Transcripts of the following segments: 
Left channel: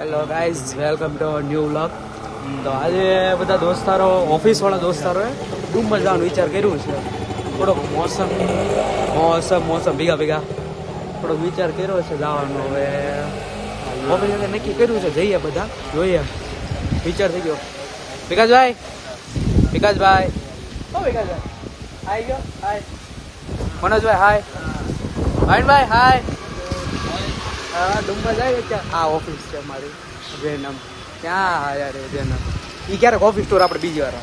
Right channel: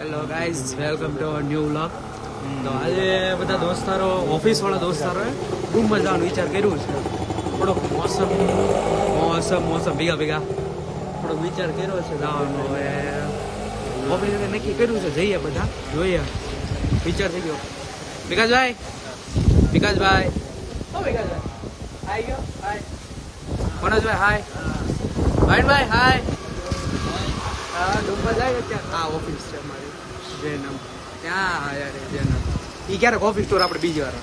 Hello guys, welcome to new vlog. તો આજે બધા દોસ્તારો, ઓફિસ વાળા દોસ્તારોએ ડુમર જવાનું વિચાર કર્યું છે. થોડોક મોસમ ભેગા થોડોક વિચાર કર્યો છે જવાનો. હવે ઓફિસે નક્કી કર્યું છે, જઈએ બધા, જોઈએ. વિચાર થઈ ગયો. વિકાસભાઈ આઈ ગયો. હાય મનોજભાઈ, હાય ભાઈ, હાય. હા, ડુમર જાય ત્યાં. આ ઓફિસ છે અમારી જૈનમ. ત્યાં યાર જૈનમ એ ક્યારેક ઓફિસ ટૂર આપણે બીજી વાર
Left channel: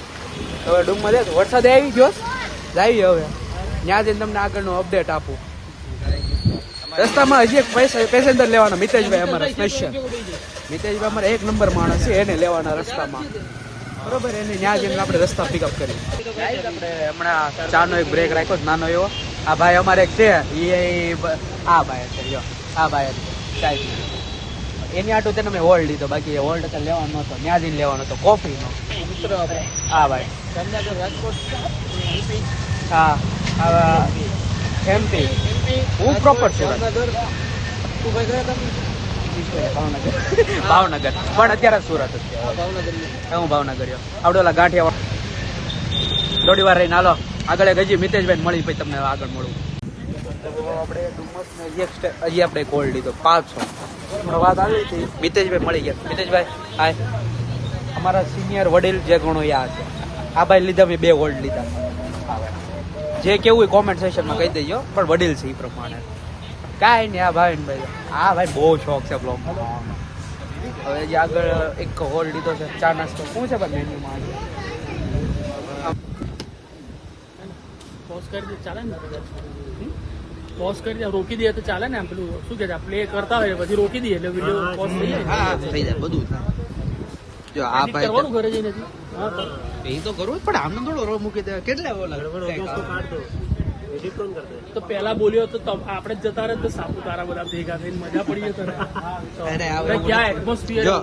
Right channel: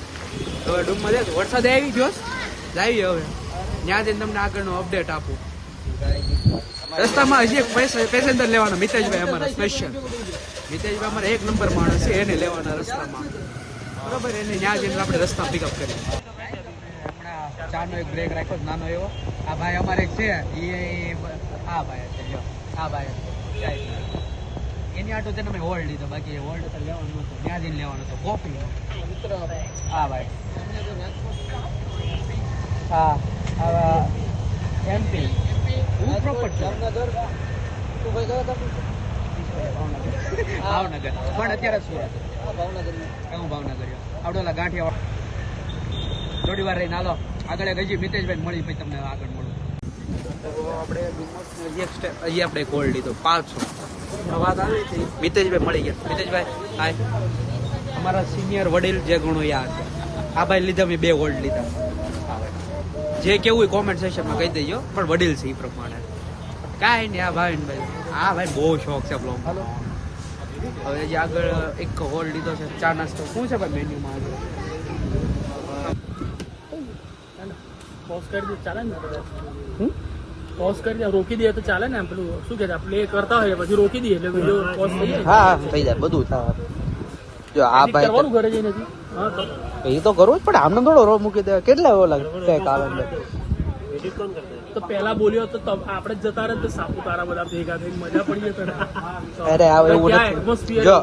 હવે ડુમર જાય. વરસાદ આવી ગયો જાય. હવે ત્યાં જઈને તમને આગળનું અપડેટ આપું. રસ્તામાં હજી એક પેસેન્જર લેવાનો મિતેશભાઈ, અમારા સ્પેશિયલ મિતેશભાઈ અમારા 1 નંબર માણસ છે. એને લેવાના રસ્તામાં, બરોબર. એને ત્યાં જઈને આપણે રસ્તા પિકઅપ કરી. આપણે હમણાં ચાનો એક બ્રેક રાખ્યો નાનો એવો. આ ભાઈ અમારે એક છે, આ ભાઈ છે, આ ભાઈ એની આટું તેને મેં હોલ્ડ લીધો. બાકી હોલ્ડ તો લેવાનો નતો, ત્યાં જઈને લેવાનો હતો કોફીનો. હા ભાઈ, રાજકોટ. હા, એમપી. હું પ્રોપર છું ભાવનગર. પણ અત્યારે સુરત. હું ભાવનગર. આવડે ઓલા ગાંઠિયા થોડી વાર રહીને હાલો આગળ. હજી મિતેશભાઈ મળી, પછી તમને આગળ મળવું. તો આપણે ડુમસને હજી આપણે ગોલ્ડ લીધો 500. હમણાં વાત આવી હતી, મિતેશભાઈ મળી ગયા. મિતેશભાઈ હાય. અમારા સિનિયર વડીલ જે ગણો યા છે. આ ભાઈ લીધા, મેં 2 ગોલ્ડ લીધા. જે કેવું હોય કોમેન્ટ સેક્શનમાં કહી દેજો, પણ વડીલ છે એ પ્રમાણે કાંઈ નહીં. આ ભાઈ બહુ શોખ છે બ્લોગ. હવે જે આગળ એક ગોલ્ડ લીધો છે. ચા નાસ્તો શું છે ભાઈ મેન્યુમાં? પોઝ કરી દે, રોકી દે તો ચાલે ને. એમ પેલું શું કે પ્લે કરતા હોય પછી રોકી દઈએ એટલે વિડીયો પોઝ થઈ જાય. હા, થઈ જાય બધું. જો આ ભાઈ ઘરે જઈને એ તો કરવું જ પડે. આમને થોડો રો મૂકી દે. કેટલા ઓલા તો પેલા બોલ્યો તો આપણે જ જતા રહે તો સાપુતારા બધા ભેગા થઈને મજા પડી જતો. અરે આવે એવું નથી. જો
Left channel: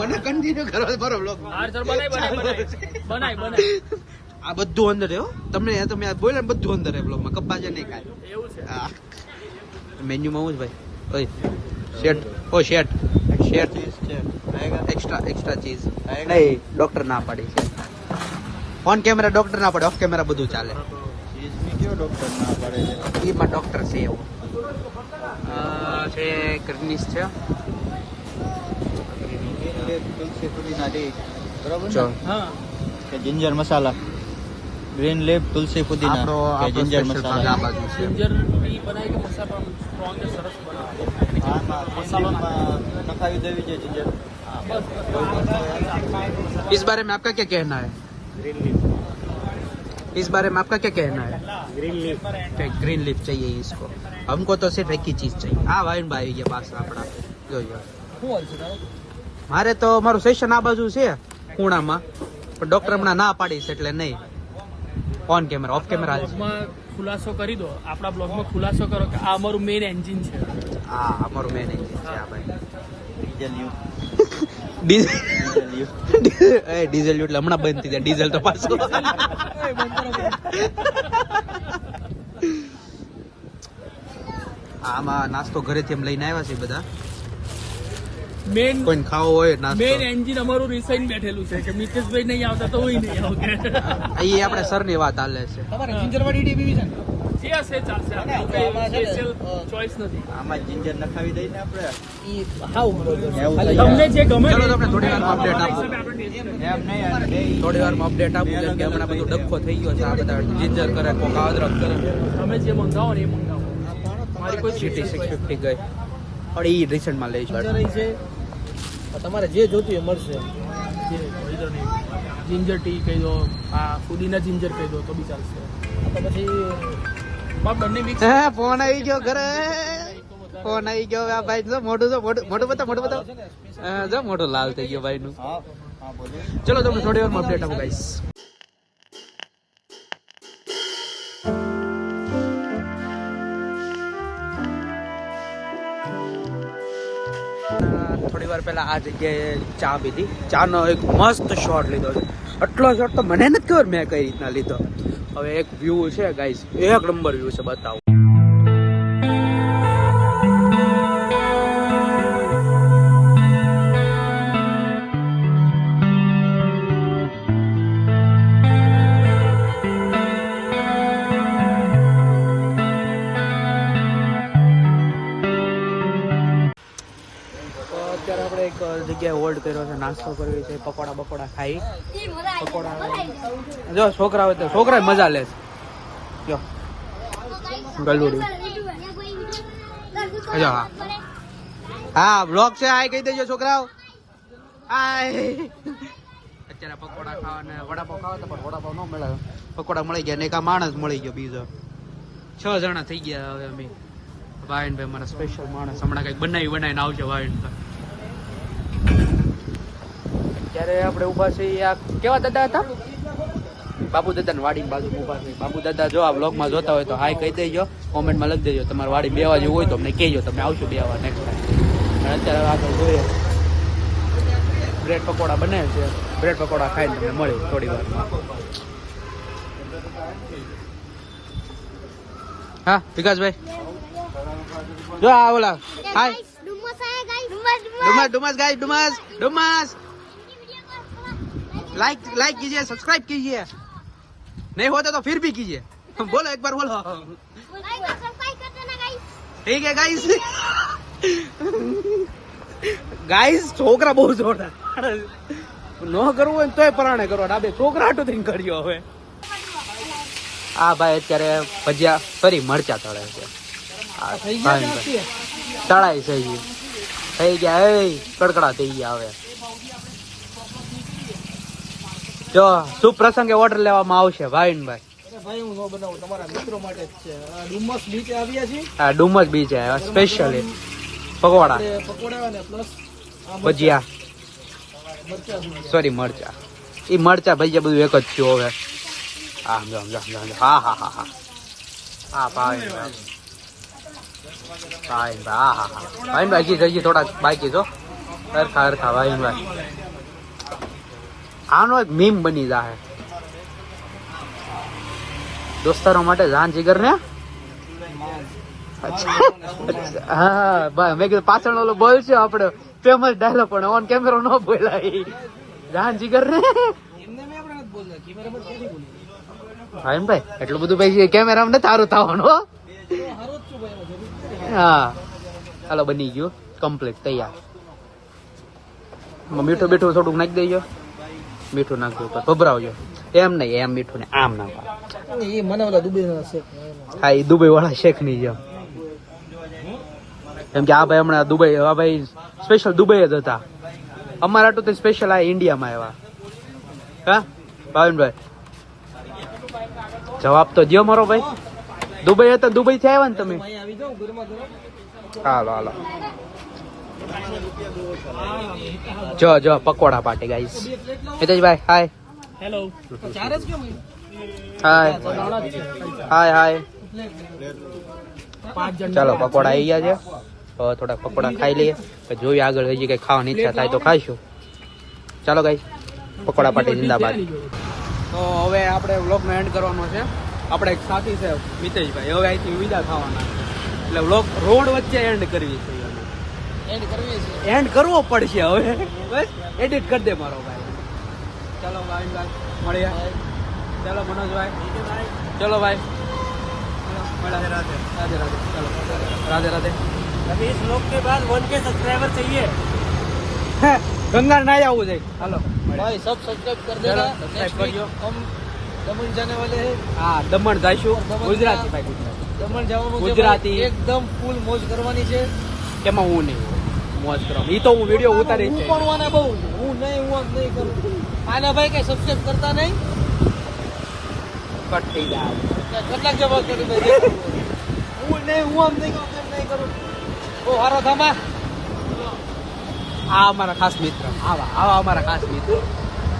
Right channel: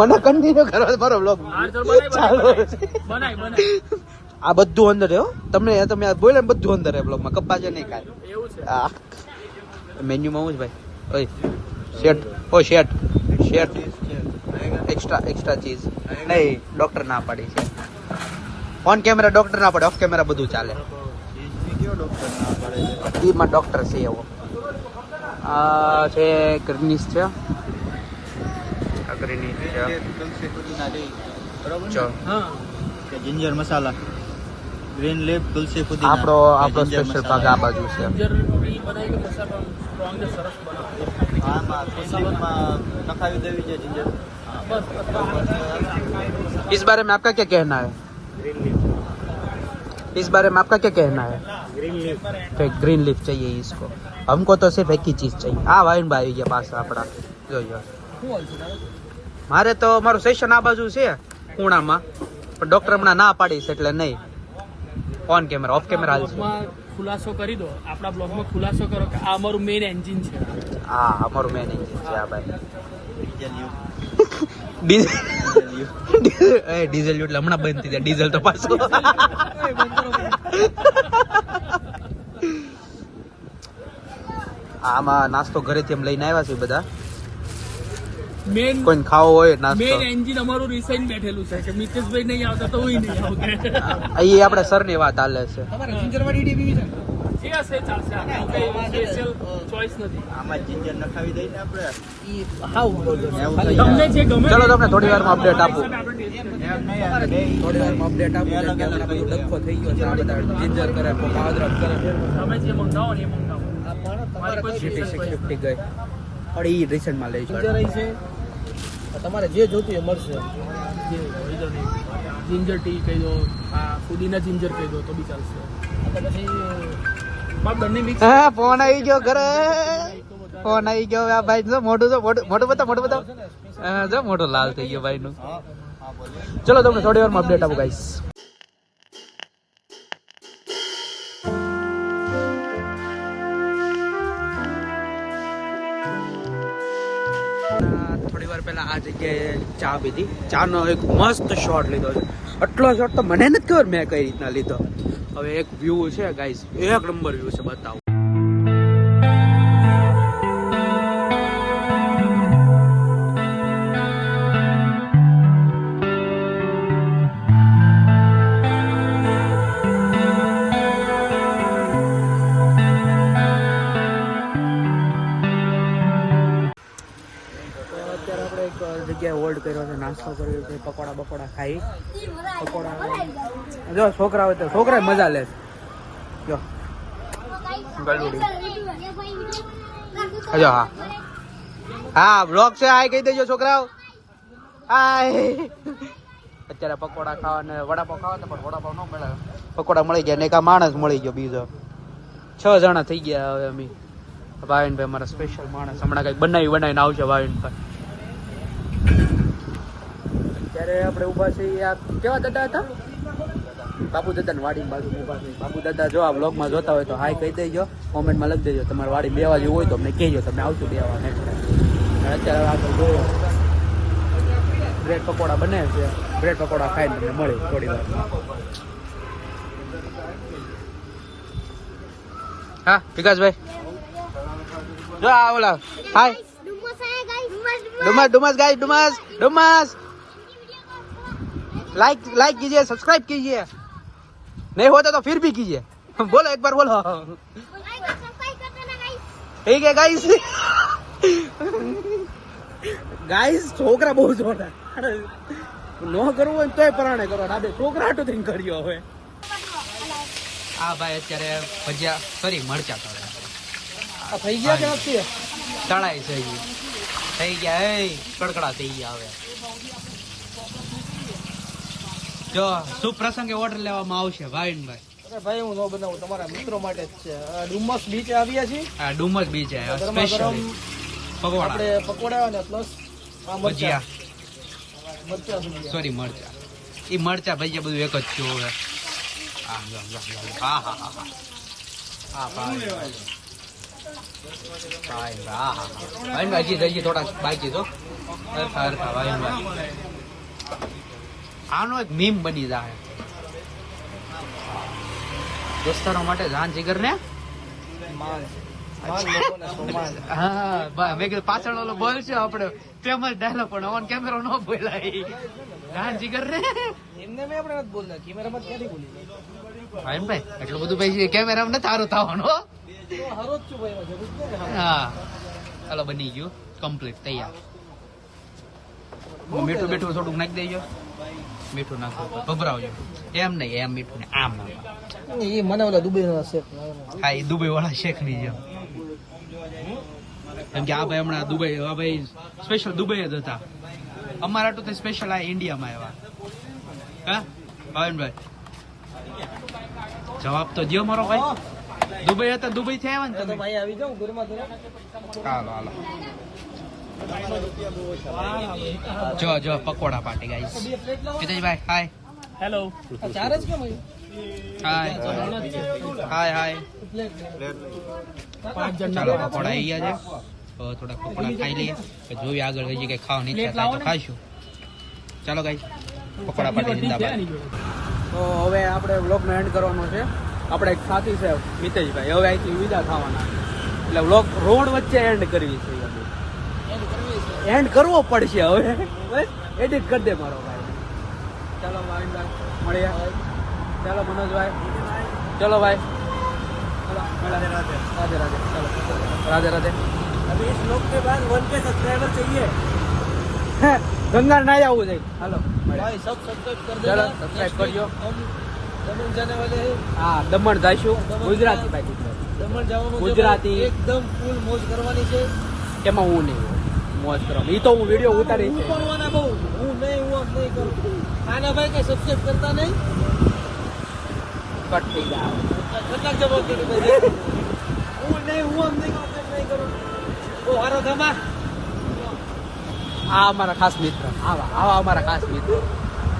મને કન્ટિન્યુ કરો મારો બ્લોગ. આ બધું અંદર હો. તમે બોલે ને બધું અંદર બ્લોગમાં. કપ્પા છે નહીં કાંઈ. એવું છે. હા, મેન્યુમાં હું જ ભાઈ. શેટ એક્સ્ટ્રા ચીઝ નહીં. ડોક્ટર ના પાડી છે. ઓન કેમેરા ડોક્ટર ના પડે, ઓફ કેમેરા બધું ચાલે. એમાં ડોક્ટર છે એવો. આ છે ગ્રીનિશ છે. જિંજર મસાલા, ગ્રીન લીફ, તુલસી, પુદીના. આપણો સ્પેશિયલ ભાગ આ બાજુ છે. નખાવી દેવી છે જિંજર. इस बारे में आपका क्या कहना है? Green leaf. इस बारे में आपका क्या कहना है? Green leaf. ग्रीन लीफ चाहिए इसको. हमको तो सिर्फ एक ही चीज चाहिए. આ વાઈન ભાઈ ગયા પાછા આપણા. જોજો મારે તો મારું સેશન આ બાજુ છે ખૂણામાં, પણ ડોક્ટર હમણાં ના પાડી છે એટલે નહીં. ઓન કેમેરા, ઓફ કેમેરા ખુલાસો કરી દો. આપણા બ્લોગમાં ખુલાસો કરો કે આ અમારું મેઇન એન્જિન છે. હા, અમારું મેન છે આ ભાઈ. ડીઝલ એટલે હમણાં બંધ થઈ જાય. ડીઝલ તો પાછું આમાં નાસ્તો ઘરેથી એમ લઈને આવ્યા છે બધા. મેઇન કોઈને ખાવો હોય નાસ્તો. મેઇન એન્જિન અમારું રિસાઈન બેઠેલું છે કે મિતેશભાઈ નહીં આવતા તો હું નહીં આવું. અહીં આપણે સરની વાત હાલે છે. જે હશે ચાલશે. સ્પેશિયલ ચોઈસ નથી. આમાં જિંજર નખાવી દઈએ ને આપણે. તમને જે ગમે. ચલો તમને થોડી વારમાં અપડેટ આપું. આપણે થોડી વારમાં અપડેટ આપું. જેમ કે હમણાં બધું ડખો થઈ ગયો છે. આ બધા જિંજર કરે, કોક અદરક કરે. તમે જે મંગાવો ને એ મંગાવો. મારી કોઈ GT 650 ગઈ. પણ એ રિસેન્ટમાં લઈ છે. તમારે જે જોતું એ મળશે. જિંજર ટી કહી દો, આ પુદીના જિંજર કહી દો તો બી ચાલશે. તો પછી બંને મિક્સ. હા, ફોન આવી ગયો ઘરે. ફોન આવી ગયો. આ ભાઈ જો મોઢું બતાવો. જો મોઢું લાલ થઈ ગયો ભાઈ નું. ચલો તમને થોડી વારમાં અપડેટ આપું ગાઈસ. થોડી વાર પહેલા આ જગ્યાએ ચા પીધી. ચાનો એક મસ્ત શોટ લીધો છે. આટલો શોટ તો મને નથી ખબર મેં કઈ રીતના લીધો. હવે એક વ્યૂ છે ગાઈસ, 1 નંબર વ્યૂ છે, બતાવો. જગ્યાએ હોલ્ડ કર્યો છે, નાસ્તો કર્યો છે, પકોડા બકોડા ખાઈ. પકોડા જો છોકરા હોય તો છોકરા મજા લે છે. જો ગલુડું જો હા હા બ્લોગ છે. હાય કહી દેજો છોકરાઓ, હાય. અત્યારે પકોડા ખાવા ને વડાપાવ ખાવા તો પણ વડાપાવ ન મળે. પકોડા મળી ગયા ને એક આ માણસ મળી ગયો બીજો. 6 જણા થઈ ગયા હવે અમે. ભાવિનભાઈ મારા સ્પેશિયલ માણસ હમણાં કઈક બનાવીને આવશે ભાવિનભાઈ. ત્યારે આપણે ઉભા છીએ આ કેવા દાદા હતા? બાપુ દાદા ની વાડી બાજુ ઉભા છે. બાપુ દાદા જો આ બ્લોગમાં જોતા હોય તો હાય કહી દેજો, કોમેન્ટમાં લખી દેજો. તમારી વાડી બેવા જેવું હોય તો અમને કહેજો, તમે આવશો બેવા નેક્સ્ટ ટાઈમ. અત્યારે આગળ જોઈએ બ્રેડ પકોડા બને છે. બ્રેડ પકોડા ખાઈને તમને મળે થોડી વારમાં. હા વિકાસભાઈ જો આ ઓલા હાય डुमस गाइस डुमस लाइक कीजिए, सब्सक्राइब कीजिए, नहीं होता तो फिर भी कीजिए. बोलो एक बार बोलो. ठीक है गाइस. गाइस છોકરા બહુ જોરદાર નો કરવું હોય તોય પરાણે કરો. ડાબે છોકરા હાટું થઈને કર્યો હવે. આ ભાઈ અત્યારે ભજીયા ફરી મરચા તળે છે. થઈ ગયા તળાઈ થઈ ગયા એ કડકડા થઈ ગયા હવે. જો શુભ પ્રસંગે ઓર્ડર લેવામાં આવશે ભાવિનભાઈ. ભાઈ હું નો બનાવું, તમારા મિત્રો માટે જ છે. ડુમસ બીચ આવ્યા છીએ. હા ડુમસ બીચ છે સ્પેશિયલી પકોડા પકોડા અને પ્લસ ભજીયા સોરી મરચા. એ મરચા ભજીયા બધું એક જ થયું હવે. હા હા હા હા હા હા ભાવિનભાઈ ભાઈ થોડા બાકી છો હરખા ભાઈ. આનો એક મીમ બની જાય દોસ્તારો માટે જાન જીગર ને. હા મેં કીધું પાછળ ઓલો બોલશે આપણે ફેમસ ડાયલોગ, પણ ઓન કેમેરો ન બોલાય. જાન જીગર ને ભાઈ એટલું બધું ભાઈ કેમેરા ને તારું થવાનું. હા હાલો બની ગયું કમ્પ્લીટ તૈયાર. મીઠું બીઠું થોડુંક નાખી દેજો. મીઠું નાખજો ભભરાવજો. એમ નહીં એમ મીઠું ને આમ નાખવા. મને ઓલા દુબઈ શેક. હા એ દુબઈ વાળા શેક ની જેમ. કેમ કે આ ભાઈ હમણાં દુબઈ, આ ભાઈ સ્પેશિયલ દુબઈ જ હતા. અમારા તો સ્પેશિયલ આ ઇન્ડિયામાં આવ્યા. હા ભાવિનભાઈ જવાબ તો દો મારો ભાઈ. દુબઈ હતા, દુબઈ થી આવ્યા ને તમે? હાલો હાલો જો પકોડા પાર્ટી ગાઈસ. મિતેશભાઈ હાય. હેલો. ચાર જ કેમ? હાય હાય. ચાલો પકોડા આવી ગયા છે. હવે થોડા પકોડા ખાઈ લઈએ, જોઈએ આગળ હજી કઈ ખાવાની ઈચ્છા થાય તો ખાઈશું. ચાલો ગાઈસ પકોડા પાર્ટી જિંદાબાદ. તો હવે આપણે વ્લોગનો એન્ડ કરવાનો છે. આપણે એક સાથી છે મિતેશભાઈ, હવે અહીંથી વિદા થવાના, એટલે વ્લોગ રોડ વચ્ચે એન્ડ કરવી છે. એન્ડ કરવો પડશે હવે. બસ એડિટ કરી દે મારો ભાઈ. ચાલો ભાવિનભાઈ મળીએ. ચાલો મનોજભાઈ, ચલો ભાઈ. राधे राधे राधे राधे. चलो राधे राधे. अभी इस ब्लॉग के बाद 1K सब्सक्राइबर चाहिए. गंगा ना आવું જાય. હાલો भाई सब सब्सक्राइब कर चलो देना. सब्सक्राइब करજો. हम दमन जाने वाले हैं. હા દમણ જઈશું. ગુજરાતી ભાઈ ગુજરાતી. દમણ જવાનું છે. ગુજરાતી એકદમ ફૂલ મોજ કરવાની છે. એમાં હું નહીં મોજ કરવા. ઈ તો હું વિડિયો ઉતારી છે. પણ બહુ હું નહીં કરું. આના ભાઈ કઈ સબસ્ક્રાઇબ કરતા નહીં. કટ થઈ જાય. કેટલાક જવાબ કરી દે. હું નહીં કરું. ઓ હારો થામા. આ અમારા ખાસ મિત્ર. આવા અમારા ખાસ મિત્ર.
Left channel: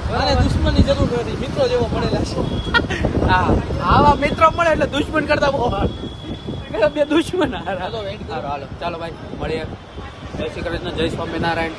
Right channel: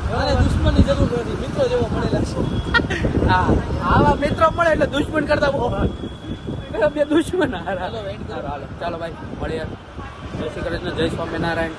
મને દુશ્મનની જરૂર નથી, મિત્રો જેવો મળેલા છે. હા આવા મિત્રો મળે એટલે દુશ્મન કરતા બહુ બે દુશ્મન. હાલો ચાલો ભાઈ મળીએ. જય શ્રી કૃષ્ણ, જય સ્વામિનારાયણ.